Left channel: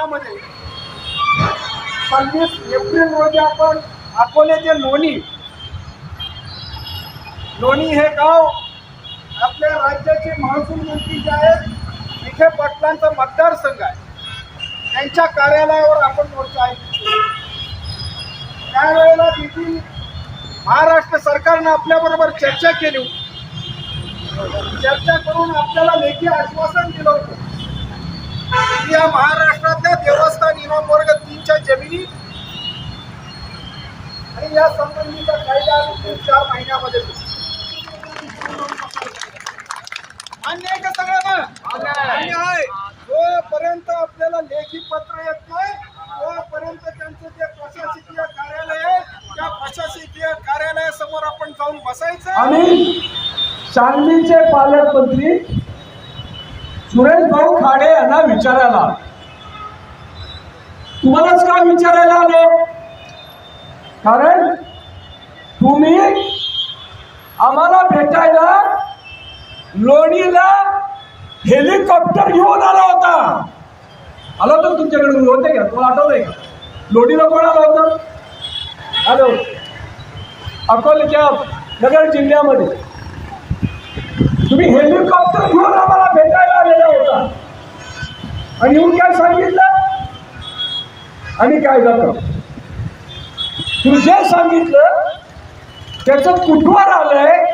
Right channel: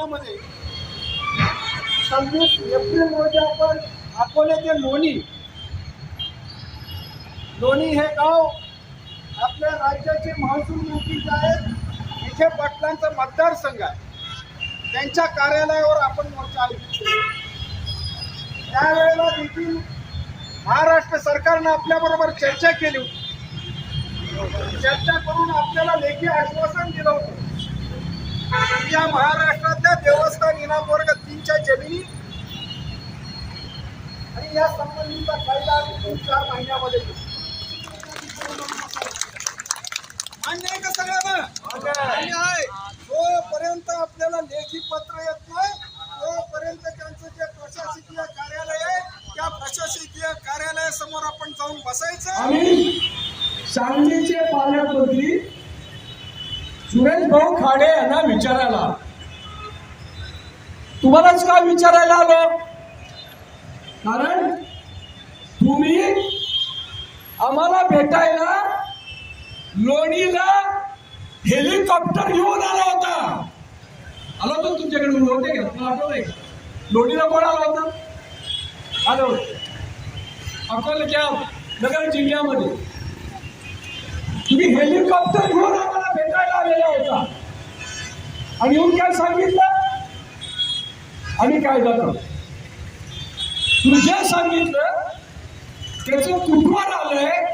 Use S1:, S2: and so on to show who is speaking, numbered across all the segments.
S1: महिन्यामध्ये सव्वीस एप्रिल रोजी आपण अकोल्याचे लोणी. लोणी हे गाव आपल्या राज्याचे महसूल मंत्री जे आहेत विखे पाटलांचा मतदारसंघ आहे. त्यांच्या कार्यालयावर आपण मोर्चा आयोजित त्यावेळेला देखील महाराष्ट्र सरकारनं आपल्याबरोबर चर्चा केली होती. चर्चा करून आपल्याला लेखी आश्वासन दिलं होतं. या महाराष्ट्रातल्या देवस्थान इनाम वर्ग तीनच्या जमिनी आणि या संबंधीचा कायदा चार महिन्यामध्ये. मान्य आहे का सगळ्यांना? जोपर्यंत आपल्याला लेखी पत्र येत नाही तोपर्यंत त्यांचं जे प्रशासकीय कार्यालय आहे त्या प्रशासकीय कार्यालयासमोर आपण जाऊन बसायचं.
S2: आम्ही सांगलीचे पालकमंत्री सुरेश भाऊ खाडे यांना विचारायला तुम्हालाच का विचारायला आलो? कारण तुम्ही आम्हाला भेटायला लोणीला हेलिकॉप्टर घेऊन आला होता. आला होता तुमच्याकडून तुमच्याकडे होते का तुम्हाला आठवलंय का? लोणीला कोण आलं होतं? आलं. होतं अकोल्याच्या नगर जिल्ह्यामध्ये. तुम्ही हेलिकॉप्टर घेऊन आम्हाला भेटायला आणि येऊन काय सांगितलं? आम्ही काय जातो? तुम्ही जे सांगितलं त्याचं कुठवर आलंय?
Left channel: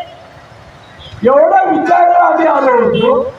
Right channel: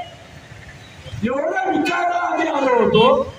S2: एवढं विचारायला आम्ही आलो होतो.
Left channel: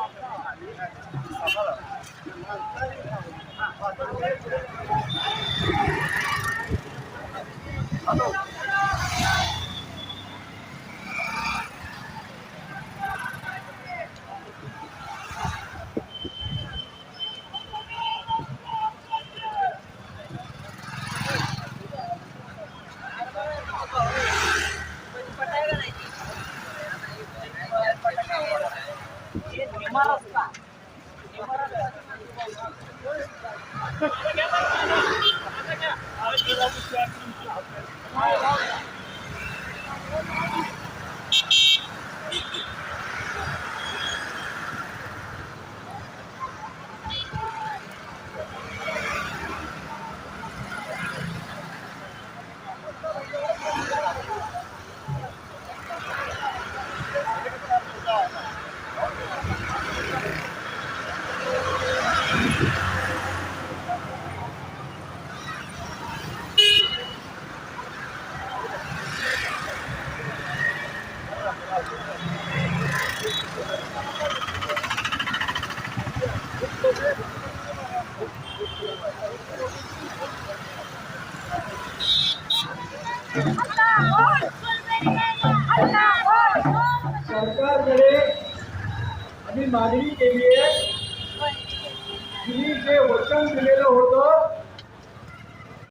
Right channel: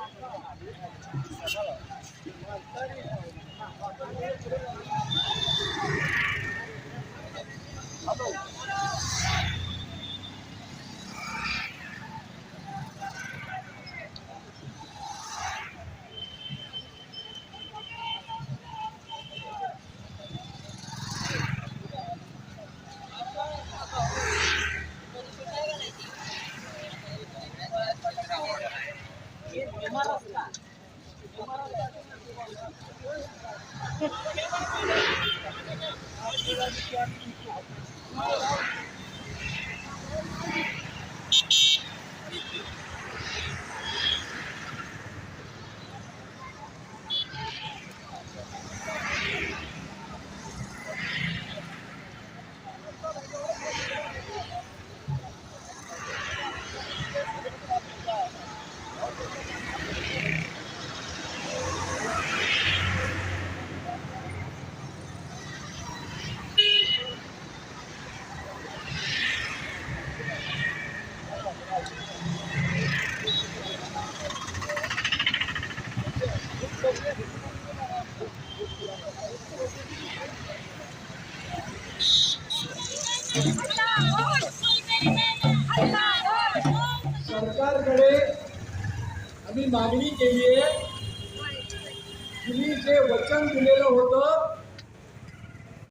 S3: Thank you.
S2: 말았어. मागणी केली आहे. तुम्ही जे वचन दिलेलं होतं